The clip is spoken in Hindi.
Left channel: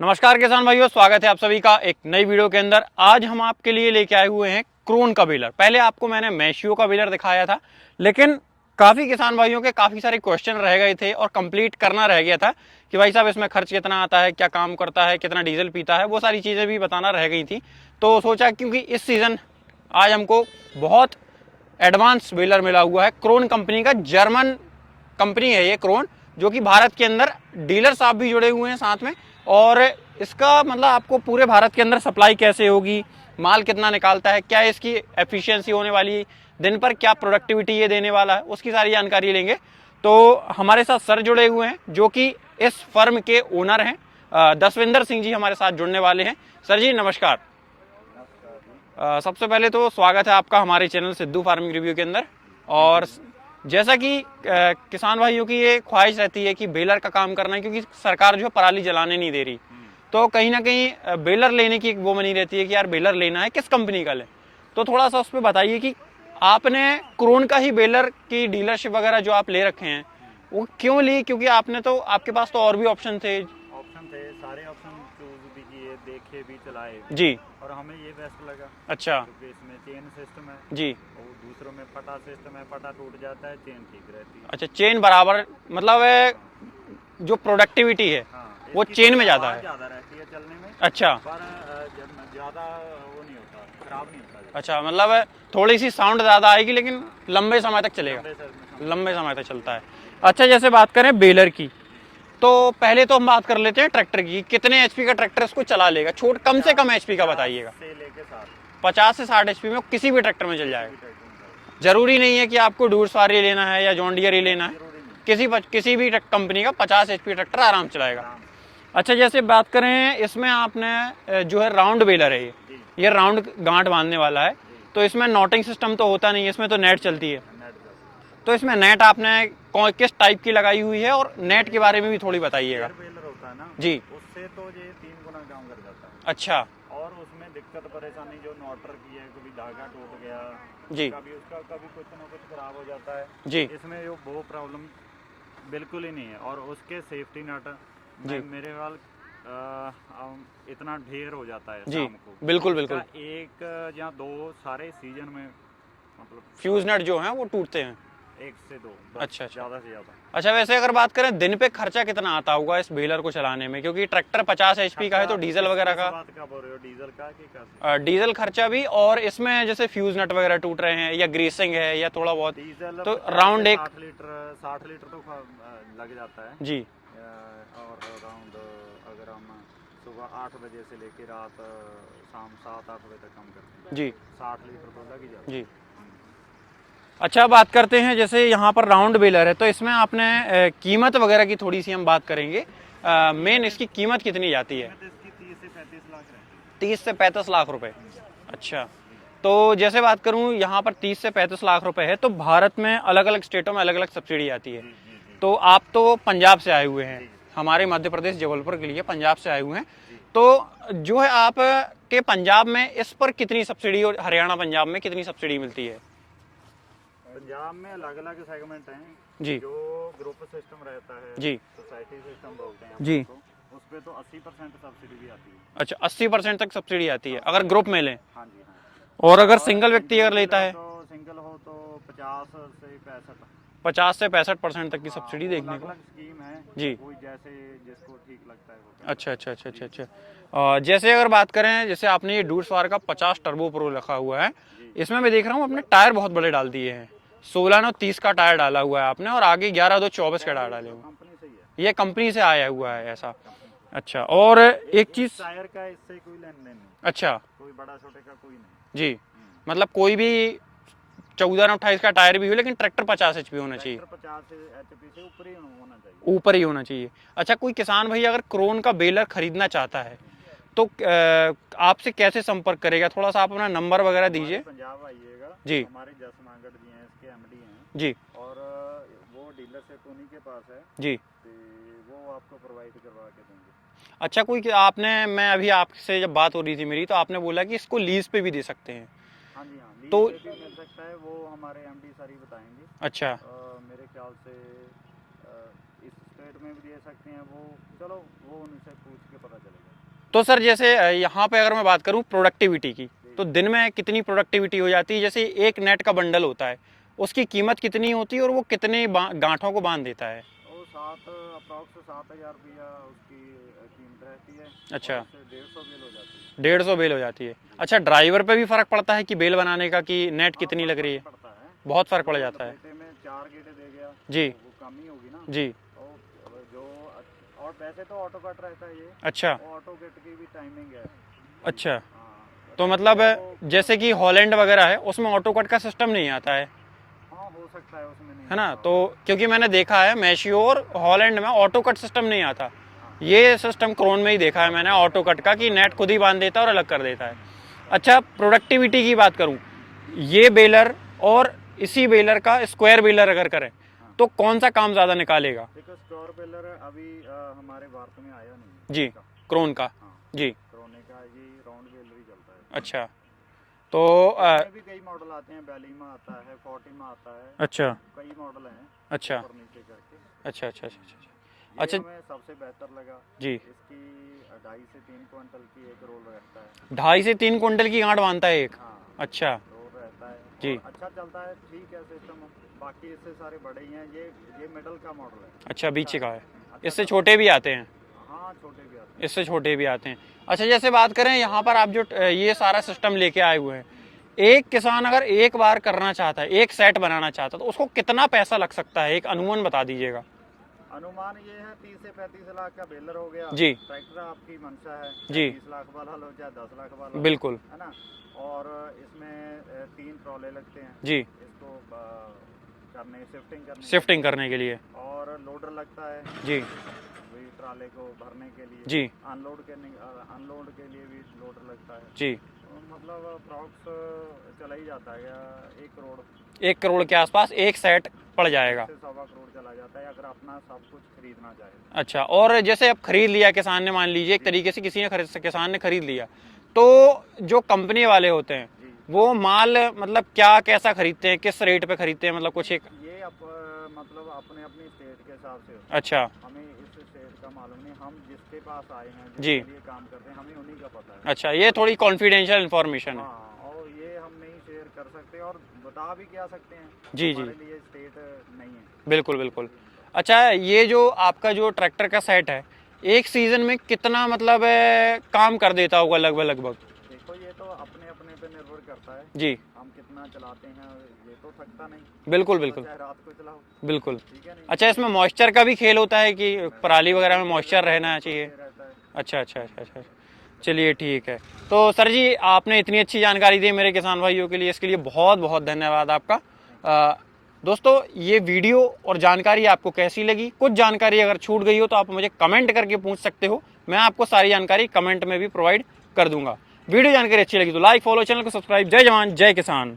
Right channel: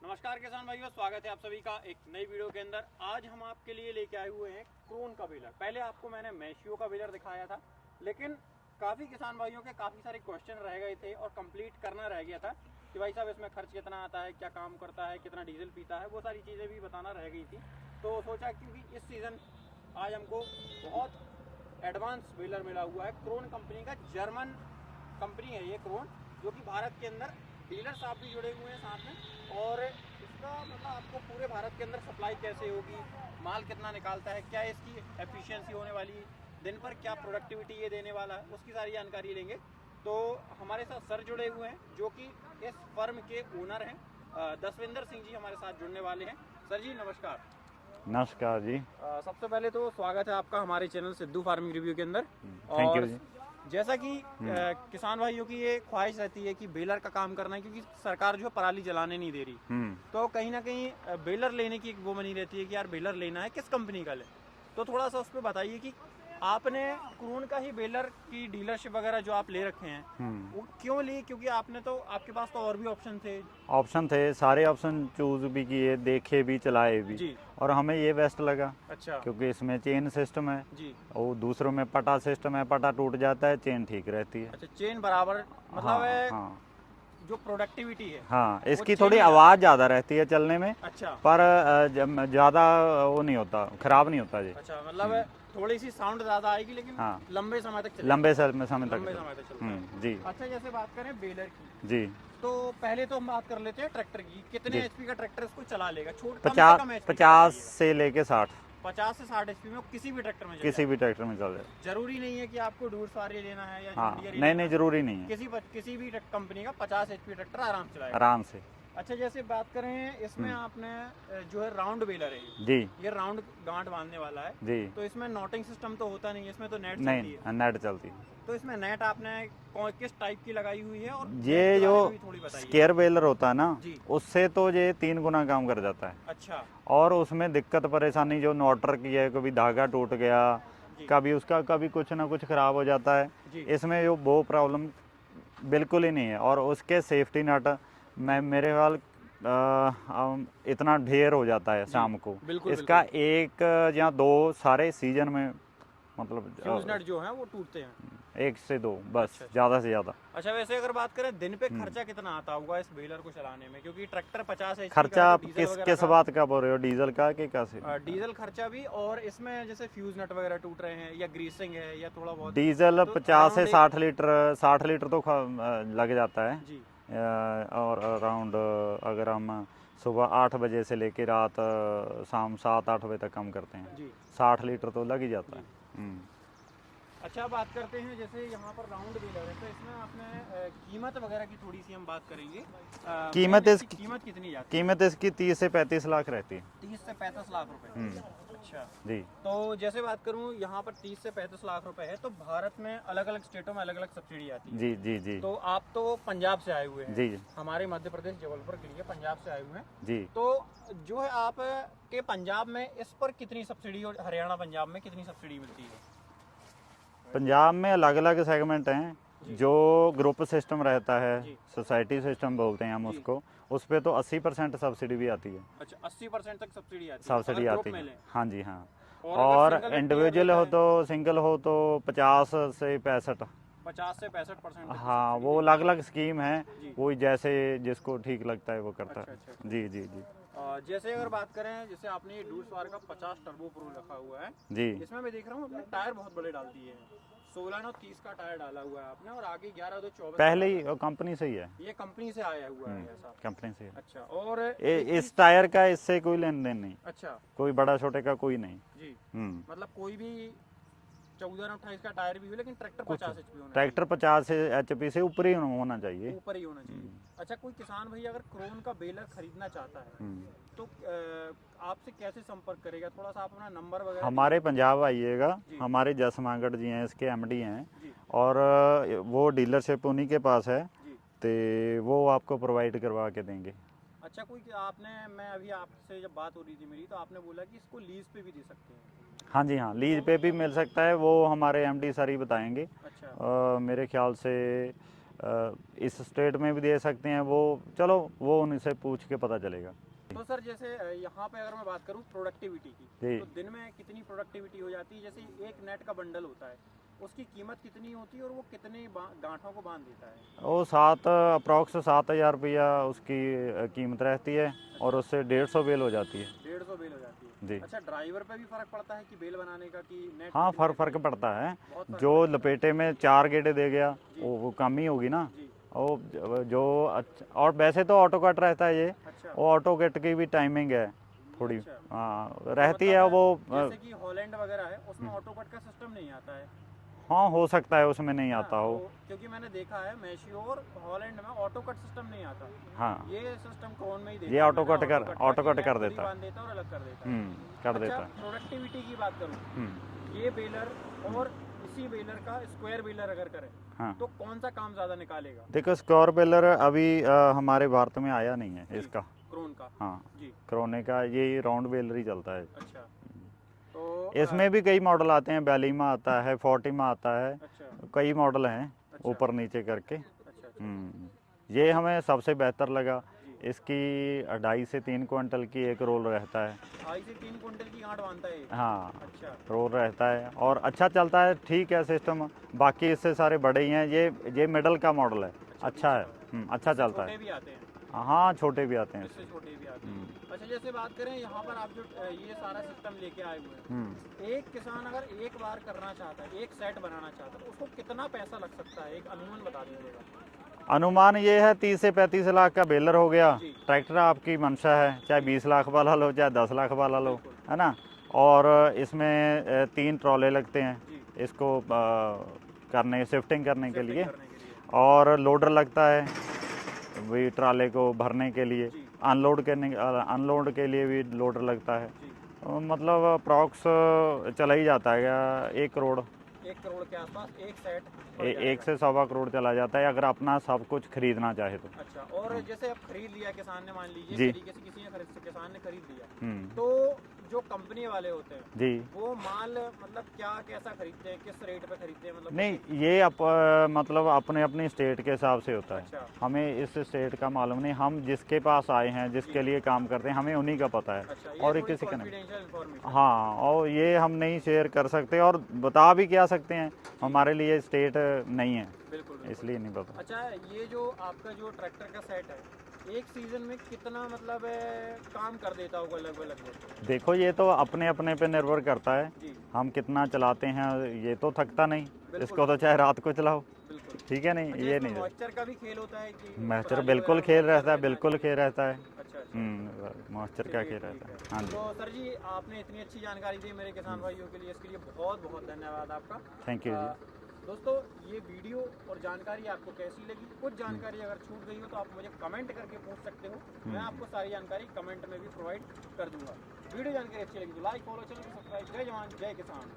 नमस्कार किसान भाइयों, स्वागत है आप सभी का एक नई वीडियो के अंदर। आज हम आपके लिए लेके आए हुए हैं क्रोन का बेलर। पहले आपको मैंने मैशियो का बेलर दिखाया था, लेकिन काफ़ी किसान भाइयों के काफ़ी सारे क्वेश्चन रह गए थे और कंप्लीट करना रह गया था कि भाई साहब इसमें खर्च कितना आता है, क्या काम करता है, कितना डीजल पीता है, वो सारी चीज़ें भी बताना रह गई थी। तो सोचा क्योंकि इस सीज़न आज हमको बहुत एडवांस बेलर मिला हुआ है क्रोन कंपनी का। जर्मन कंपनी है ये क्रोन, जो कि भारत के अंदर डीलर साहब भी जुड़े हुए हैं साथ में। और इसका मतलब आपको पूरे भारत के अंदर सप्लाई कैसे होगी, माल कितना निकालता है, क्या इसकी एफिशिएंसी होने वाली, दिन पर क्या प्रोडक्टिविटी ये देने वाला है, उसकी सारी जानकारी लेंगे। तो हमारे साथ सर जुड़े हुए हैं जो कि इस फर्म के ओनर हैं। दसविंदर सिंह जी हमारे साथ जुड़ने वाले हैं। सर जी नमस्कार। नमस्कार जी। सबसे पहले तो स्वागत है आपका हमारे चैनल सिद्धू फार्मिंग रिव्यू के अंदर। और जैसा कि किसान भाइयों की ये ख्वाहिश रहती है कि बेलर का काम करना है, क्योंकि सरकार जो है पराली जलाने नहीं दे रही, तो कहीं ना कहीं बेलर लेने की एक वो बनी रहती है कि यार बेलर लेना है, किस कंपनी का लें। तो थोड़ा सा उस पर बताइए कि आपने क्रोन का ही बेलर की डीलरशिप वगैरह जो आप ले रखे हैं वो क्यों ली, क्योंकि आपने तो आपके पास तो और भी ऑप्शन थे। ऑप्शन थे, सारे ऑप्शन चूज भी किए, देखे भी, चलाए भी। जी। और हमें ये बेस्ट लगा। अच्छा। क्योंकि इसमें चेन सिस्टम है जी। और दूसरों में पटा सिस्टम है, पटा टूट जाता है, चेन ठीक रहती है। अच्छा, चेन बराबर मतलब हाँ, है, हाँ, जो प्रोडक्टिविटी है हाँ। वो इसकी चेन थोड़ी में ज्यादा आवाज़ है। ज़्यादा रहती है चलने में, अच्छा। पर ज़्यादा वो नहीं होता, खराब नहीं होता जी। अच्छा, मतलब है थोड़ी सी साउंड ज्यादा आएगी लेकिन हाँ, लंबे समय तक चलेगा। लंबे समय लंबे तक। समय तक चलता है। जी, अच्छा, जैसे बात करें बेलर की, जी, तो पहले तो हम बात कर लेते हैं ट्रैक्टर की। कितने जी। एचपी का ट्रैक्टर इसको चला लेगा? कम से 50 कम एचपी का 50 बताइएगा। से लेके 60, 50 से 60 एचपी में किसी भी ट्रैक्टर में चल किसी भी जाएगा। ट्रैक्टर में चल जाएगा। जरूरी नहीं है कि आपको डूर सवारी लेना है या जॉन हाँ, डियर ही नहीं, लेना नहीं, है। ज़रूरी नहीं है। किसी भी कंपनी का 50 एचपी ट्रैक्टर आराम चलाएगा। आराम से। अच्छा, जैसे बात करें इसमें आपने जो है राउंड बेलर है जी, ये राउंड गांठ बांधने वाला है। जी। तो इसमें नॉटिंग सिस्टम तो होता नहीं है, इसमें तो नेट चलती है। नहीं, नेट चलती है। तो इसमें नेट आपने किस टाइप की लगाई हुई है, और नेट ये के जो बारे में भी थोड़ी बताइएगा। स्केयर बेलर होता है ना, जी। उससे तो ये 3 गुना काम कर जाता है। अच्छा। और उसमें दिक्कत परेशानी जो नोटर की है, कभी धागा टूट गया, जी। कभी कुछ ना कुछ खराब हो जाता है। जी। इसमें वो प्रॉब्लम बिल्कुल ही नहीं है। और उसके सेफ्टी नट जी। मेरे ख्याल इतना ढेर हो जाता है जी। शाम को। बिल्कुल इसका बिल्कुल। एक या दो सारे सीजन में, मतलब फ्यूज नट जो है वो टूटते हैं। 1 से 2 बस, अच्छा अच्छा। ज़्यादा से ज़्यादा। अच्छा, वैसे अगर बात करें दिन पे खर्चा कितना आता होगा इस बेलर को चलाने में, क्योंकि ट्रैक्टर 50 एचपी का खर्चा है तो आप डीजल वगैरह किस का। बात का बोल रहे हो, डीजल का कि कैसे? डीजल खर्चा भी, और इसमें जैसे फ्यूज नट वगैरह टूट रहे हैं या ग्रीसिंग है या थोड़ा बहुत, डीजल तो 50 से राउंड एक। 60 लीटर तो लग जाता है। जी। और अराउंड अगर हम सुबह 8 बजे से लेकर रात शाम 7-8 बजे तक काम करते हैं, जी। 60 लीटर तो लग ही जाता है। जी। अच्छा, बात करते हैं जैसे यहाँ पर राउंड बेलर है, तो इसमें आपने कीमत वगैरह की थोड़ी सी हम बात करेंगे। मेन कीमत इसकी इसकी कीमत कितनी जाती है? कीमत इसकी 30 से 35 लाख रहती है। 30 से 35 लाख रुपए। हम्म, अच्छा। जी, तो जैसे बात करूं यहाँ पर 30 से 35 लाख रुपए है, तो भारत में अलग अलग स्टेटों में अलग अलग सब्सिडी आती है। जी, जी, जी, तो आप तो पंजाब से आए हुए हैं, जी, हमारे मध्य प्रदेश जबलपुर के लिए पंजाब से आए हुए हैं। जी। तो जो है आप के पंजाब में इस पर कितनी सब्सिडी, और हरियाणा पंजाब में कितनी सब्सिडी मिलती है? पंजाब में अलग अलग सेगमेंट हैं। जी। जो ग्रुप सिस्टम रहता है, जी। सोसाइटी सिस्टम बोलते हैं हम जी। उसको, उस पर तो 80% सब्सिडी भी आती है। अच्छा, 80% तक सब्सिडी आती है अगर सब्सिडी ग्रुप आती में है। लें। हाँ जी, हाँ। और अगर और सिंगल व्यक्ति अगर इंडिविजुअल लेता हो है? तो, सिंगल हो तो 50 से 65। 50 से 65% तक की हाँ, सब्सिडी वो देखने अलग को। अलग स्कीम है। जी। कोई जैसे जिसको ठीक लगता है वो करता अच्छा अच्छा अच्छा है। जी, अच्छा जी, अच्छा। जी, जैसे अगर बात करें, जैसे आपने ये डूर सवार का 50 टर्बो प्रो रखा हुआ है, जी। इसमें मैं देख रहा हूँ आपने टायर बहुत बड़े डाल दिए हैं। 16/9/30 का टायर डाला हुआ है आपने, और आगे 11/2/24 का पहले डाला ही है। कंपनी से ही है। ये कंपनी से आया हुआ है ऐसा? कंपनी से है। अच्छा। और एक चीज। इस टायर का इससे कोई लेन देन नहीं। अच्छा। कोई बड़ा छोटे का कोई नहीं। जी। हम्म। मतलब कोई भी 14/28 का टायर भी हो, लेकिन ट्रैक्टर 50 एचपी होना चाहिए। ट्रैक्टर 50 एचपी से ऊपर ही होना चाहिए। ऊपर ही होना चाहिए। अच्छा, कोई किसान भाई अगर क्रोन का बेलर खरीदना चाहता है तो आपसे कैसे संपर्क करेगा? थोड़ा सा आप अपना नंबर वगैरह हमारे दीजिए। पंजाब आइएगा। जी। हमारे जसमागढ़ जी हैं, इसके एमडी हैं। जी। और वो डीलरशिप उन्हीं के पास है, जी। तो वो आपको प्रोवाइड करवा के देंगे। अच्छा, मैं अभी आपसे जब बात हो रही थी मेरी, तो आपने बोला कि इसको लीज पे भी दे सकते हैं। हाँ जी, हाँ, लीज तो पे भी मिल सकता है। वो हमारे एमडी सर ही बताएंगे। अच्छा। मेरे ख्याल से इस स्टेट में भी दे सकते हैं, वो चलो वो उनसे पूछ के पता चलेगा। तो सर जैसे यहाँ पे अगर मैं बात करूँ प्रोडक्टिविटी की, जी। तो दिन में कितनी प्रोडक्टिविटी हो जाती है? जैसे एक नेट का बंडल होता है, उसकी कीमत कितनी होती है और वो कितने गांठों को बांध देता है? वो अप्रॉक्स 7,000 रुपया उसकी कीमत रहती है। अच्छा। और उससे 150 बेल हो जाती है। 150 बेल हो जाती है। जी। अच्छा, ड्राइवर पे भी फर्क पड़ता है कि बेल बनाने का, कि नेट हाँ, कितनी लग रही फर्क है? पड़ता है। बहुत फर्क पड़ जो जाता है। लपेटे में 4 गेटे दे गया जी। वो कम ही होगी ना। जी। और वैसे तो ऑटो कट रहता है ये। अच्छा। वो ऑटो कट की भी टाइमिंग है थोड़ी। अच्छा, हाँ, तो रहती मतलब है वो। जैसे कि हॉलैंड वगैरह है, उसमें ऑटो कट का सिस्टम नहीं आता है, हाँ, हो सकता है उसमें नहीं है ना? आता तो हो। क्योंकि मैंने देखा है मैशियो और हॉलैंड में ऑटो कट सिस्टम नहीं आता। हाँ, ये सिस्टम क्रोन में ही ये देखा है मैंने, ऑटो कट का, कि नेट कर खुद ही देता है। बांध देता है और अलग कर देता है। कर अच्छा, देता है। प्रोडक्टिविटी की बात करूं, हम्म, ये बेलर और इसी बेलर का स्क्वायर बेलर अगर करें, हाँ। तो कौन सा काम ज्यादा निकालेगा? देखो, स्क्वायर बेलर अभी हमारे भारत में आया नहीं है जी, इसका। क्रोन का। हाँ, जी। क्रोने का ये राउंड बेलर ही चलता है। अच्छा, तो इसमें भी कई मॉडल आते हैं, बैलीमा आता है, फोर्टीमा आता है। अच्छा कई मॉडल हैं अच्छा ऊपर नीचे करके। अच्छा अच्छा अच्छा हम्म, ये अच्छा। हमें सबसे बेहतर लगा। जी। इसकी 2.5 से 3 क्विंटल की एक रोल रहता है। 2.5 से 3 कुंटल की गांठ बांधता है एक? हाँ, अच्छा। रोल रहता है जी। और अच्छा चलता है, ठीक है सिस्टम। बाकी इससे सारे बड़े ही हैं। ये मिडल का मॉडल है। अच्छा, बीच का है। अच्छा इससे चलता छोटे भी आते हैं? है। हाँ, छोटे भी आते हैं। इससे छोटे भी आते हैं। हम्म, अच्छा, जैसे बात करें यहाँ पर आप जो ये सारा सिस्टम लेके आए हुए हैं, हम्म। एक किसान अगर एक बार करना चाहता है, एक सेट बनाना चाहता है, तो उसको कितना पैसा लग सकता है? एक अनुमान बता दीजिएगा। अनुमान ये है 30 से 35 लाख का बेलर हो गया। जी। ट्रैक्टर आपकी मंशा है, चाहे जी। 20 लाख वाला लो चाहे 10 लाख वाला लो, बिल्कुल। है ना। और इसमें 3 ट्रॉले लगते हैं जी। इसको करने शिफ्टिंग करने के शिफ्टिंग लिए। करने के लिए। और लोडर लगता है जी। वही ट्राले को भरने के लिए। जी। अनलोड के लिए भी लोडर लगता है। जी। मतलब अप्रॉक्स चला ही जाता है 1 करोड़। 1 करोड़ के आसपास एक सेट पड़ एक जाएगा? से 1.25 करोड़ चला जाता है अगर अपना सब कुछ खरीदना चाहे तो। अच्छा, और जैसे अब खरीद लिया किसान ने, मान लीजिए एक जी। तरीके से किसी ने किसान ने खरीद लिया, हम्म, तो जो कंपनी वाले होते हैं जी। वो माल मतलब क्या कैसा खरीदते हैं, किस रेट पे खरीदते हैं, मतलब कुछ नहीं, एक? ये मतलब अपने अपनी स्टेट के हिसाब से होता है। अच्छा। हमें इस स्टेट का मालूम नहीं, हम जिसके पास आए हैं जी। जिसके लिए काम करते हैं हमें उन्हीं का पता है। अच्छा, ये और थोड़ी किसी कॉन्फिडेंशियल इंफॉर्मेशन है। हाँ, और ये हम नहीं शेयर कर सकते और बता भी क्या सकते हैं। जी। जी, हमारे लिए स्टेट नहीं है, बिल्कुल बिल्कुल। इसलिए नहीं पता। अच्छा, ये जो आपका जो ट्रैक्टर का सेट है, एक सीजन में कितना मतलब काम कर देता होगा लगभग लगभग? देखो, ये तो अपने अपने पे निर्भर करता है। जी। हम कितना चलाते हैं, ये तो थकता नहीं। बिल्कुल इसको तो बिल्कुल। चाहे रात को चलाओ, बिल्कुल। ठीक है नहीं, अच्छा, ये इसमें नहीं मॉइस्चर का भी खेल होता है कि रहता। पराली वगैरह में बिल्कुल खेल मॉइस्चर रहता है, रहना बिल्कुल चाहिए? खेल रहता है। अच्छा अच्छा अच्छा अच्छा। मॉइस्चर का चलिए खेल ठीक रहता है। हाँ जी। तो सर जी, आपने इतनी अच्छी जानकारी दी मेरे किसान भाइयों के लिए, इसके लिए बहुत बहुत धन्यवाद आपका। Thank you. दोस्तों, ये वीडियो और जानकारी आपको कैसी लगी? कुछ जानकारी अगर छूट गई हो तो आप मुझे कमेंट करके पूछ सकते हो, मैं आपको सारी जानकारी कमेंट में भी प्रोवाइड कर दूंगा। वीडियो जानकारी अच्छी लगी तो लाइक, फॉलो, चैनल को सब्सक्राइब। जय जवान जय किसान।